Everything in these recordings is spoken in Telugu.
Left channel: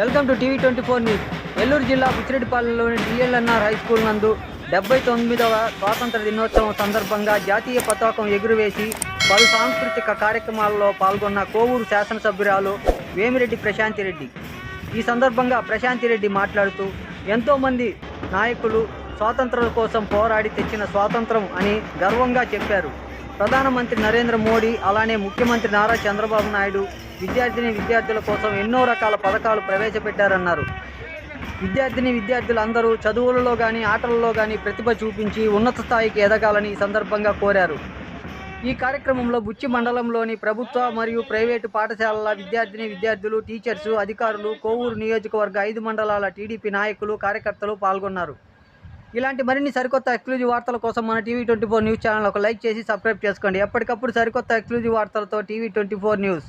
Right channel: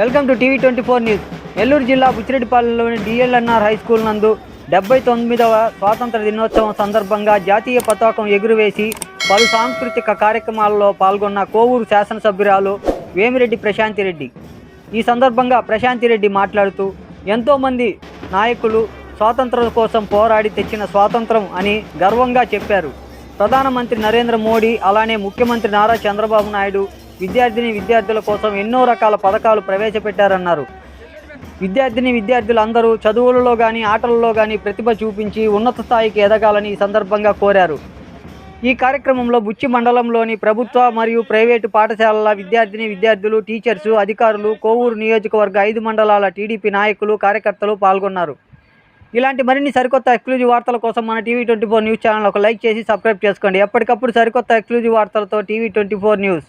Welcome to TV twenty four news. Nellore జిల్లా బుచ్చిరెడ్డిపాలెంలోని డిఎల్ఎన్ఆర్ హై స్కూల్ నందు డెబ్బై తొమ్మిదవ స్వాతంత్ర దినోత్సవం సందర్భంగా జాతీయ పతాకం ఎగురవేసి పలు సాంస్కృతిక కార్యక్రమాల్లో పాల్గొన్న కోవూరు శాసనసభ్యురాలు వేమిరెడ్డి ప్రశాంతి రెడ్డి. ఈ సందర్భంగా ప్రశాంతి రెడ్డి మాట్లాడుతూ ఎంతోమంది నాయకులు స్వాతంత్రం కోసం పోరాడి తెచ్చిన స్వాతంత్రం అని గర్వంగా చెప్పారు. ప్రధానమంత్రి నరేంద్ర మోడీ అలానే ముఖ్యమంత్రి నారా చంద్రబాబు నాయుడు విద్యార్థిని విద్యార్థుల కోసం ఎన్నో రకాల పథకాలు ప్రవేశపెట్టారన్నారు. విద్యార్థిని విద్యార్థులు అందరూ చదువులలో కానీ ఆటలలో కానీ ప్రతిభ చూపించి ఉన్నత స్థాయికి ఎదగాలని ఈ సందర్భంగా కోరారు. ఈ కార్యక్రమంలో బుచ్చి మండలంలోని ప్రభుత్వ మరియు ప్రైవేటు పాఠశాలల విద్యార్థిని విద్యార్థులు టీచర్సు అధికారులు కోవూరు నియోజకవర్గ ఐదు మండలాల టీడీపీ నాయకులు కార్యకర్తలు పాల్గొన్నారు. ఇలాంటి మరిన్ని సరికొత్త ఎక్స్క్లూజివ్ వార్తల కోసం మన TV twenty four news channel ఒక లైక్ చేసి సబ్స్క్రైబ్ చేసుకోండి. ఎప్పటికప్పుడు సరికొత్త ఎక్స్క్లూజివ్ వార్తలతో TV twenty four news.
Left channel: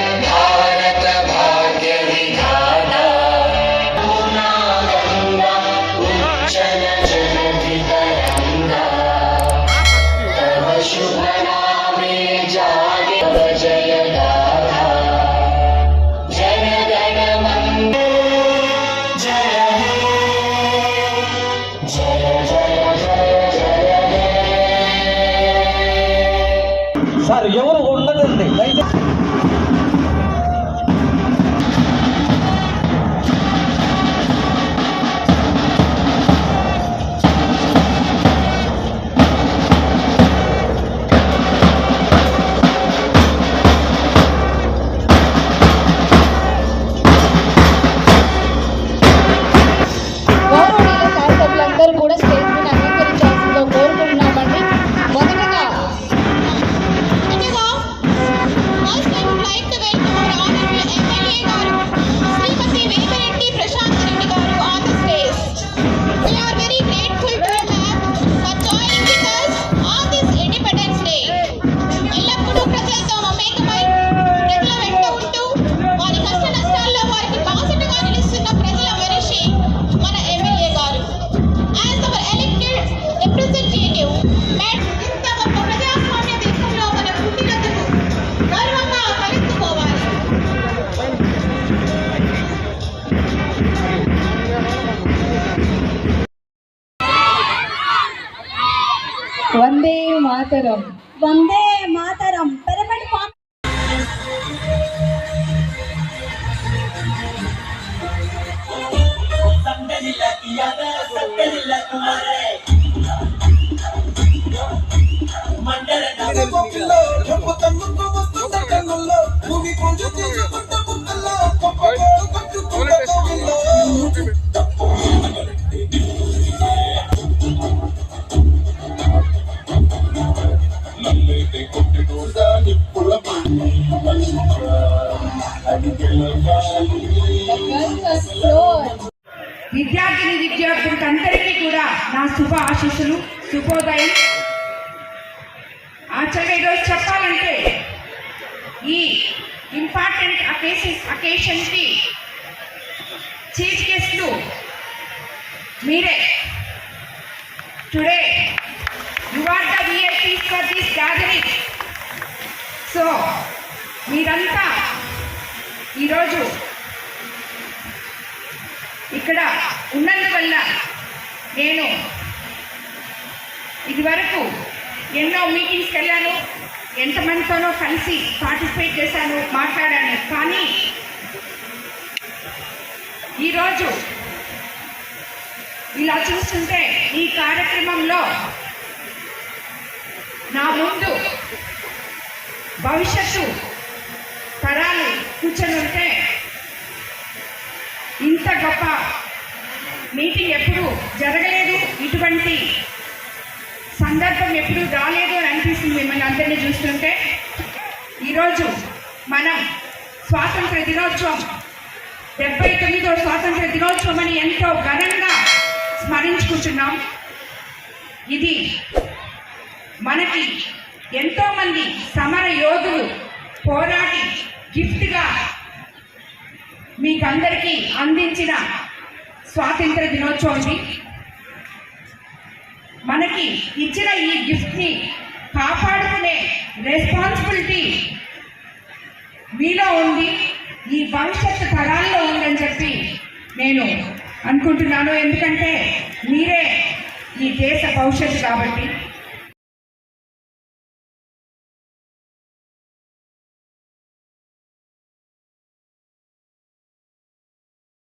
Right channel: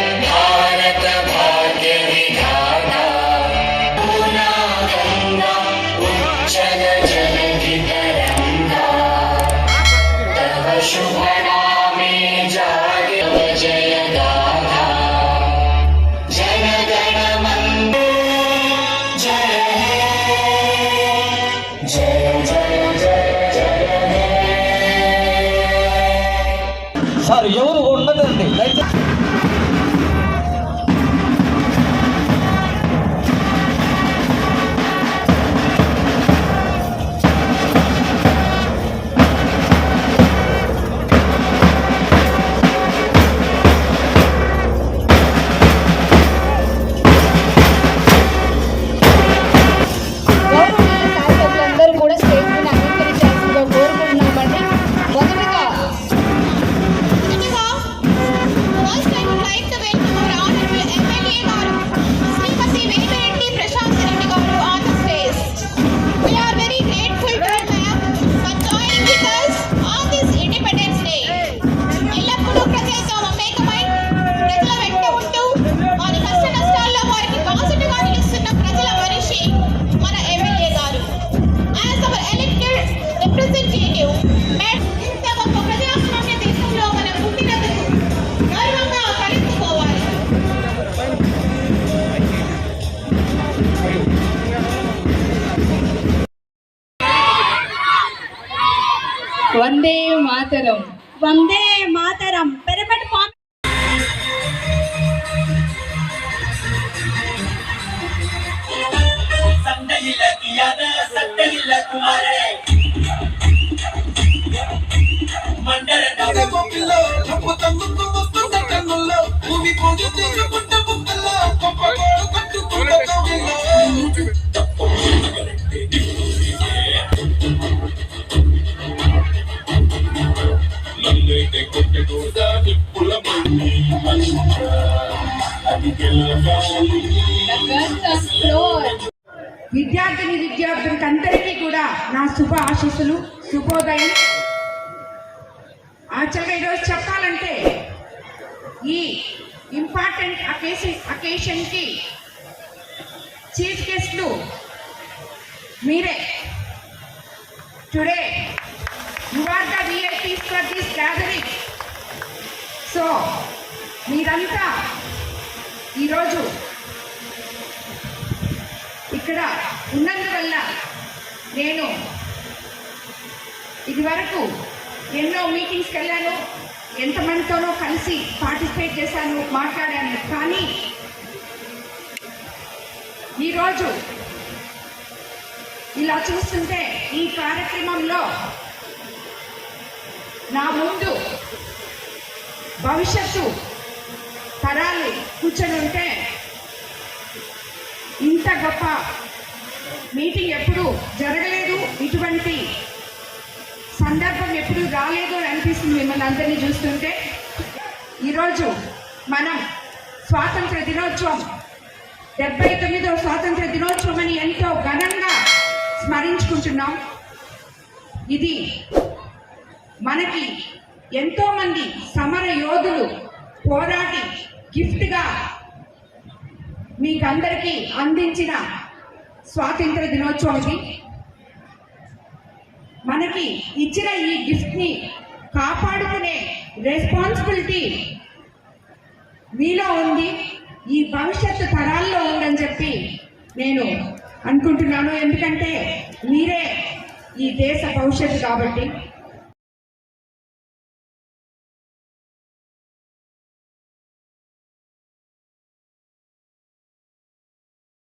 Sir ఎవరు ఉండదండి దయచేసి ప్రజల వెంట ఉంటూ వారి కష్ట నష్టాల్లో వారికి బాసటగా నిలుస్తున్న ప్రజల మనిషి మన ఎమ్మెల్యే గారు. As our elected representative madam ఇంత గొప్ప ప్రజాస్వామ్య దేశంలో మనం పుట్టినందుకు గర్వంగా తలెత్తుకోవాలి Vande Mataram. Vande Mataram. The girls are slow. విద్యార్థిని విద్యార్థులకు అందరికీ కూడా నా శుభ ఆశీస్సులు శుభోదయం. యాక్చువల్గా ఈరోజు చెప్పాలంటే ఈ ఇంపార్టెంట్ అకేషన్ అకేషన్కి చీఫ్ గెస్ట్లు మీరే. Today you are the VIPs for this gathering so మీరంతా ఈరోజు ఇక్కడ ఉన్నందువల్ల నేను ఇదివరకు ఎన్నో మీటింగ్స్కి వెళ్ళాను ఎంతమందితోనో కలిసి పార్టిసిపేట్ చేశాను మాట్లాడాను. కానీ ఈరోజు ఇలా చూస్తుంటే ఈ కార్యక్రమంలో నా ముందు భవిష్యత్తు పరాలు కూర్చొని ఉంటే ఇంత గొప్ప మీటింగ్ ఎప్పుడు జరగలేదు. ఇటువంటి సందర్భం ఎప్పుడు రాలేదు అని అనిపిస్తుంది మిమ్మల్ని అందరినీ చూస్తుంటే. ఈరోజు మనం స్వాతంత్ర దినోత్సవం డెబ్బై తొమ్మిదో స్వాతంత్ర దినోత్సవం అని ఎంతో ఘనంగా స్మరించుకుంటున్నాం. ఇది మనకి ఎంతోమంది సమర యోధులు పోరాటి గిఫ్ట్గా మీకందరికీ అందించిన స్వాతంత్ర దినోత్సవం ఇది. మనకి ఇచ్చిన ఈ గిఫ్ట్ని కాపాడుకునే రెస్పాన్సిబిలిటీ మీలో ఉంది. ఈ భవిష్యత్తు తరాల్లో ఉందని చెప్పి నేను అనుకుంటున్నాను. ఎందుకంటే మీరే ఈ దేశ భవిష్యత్తు కాబట్టి.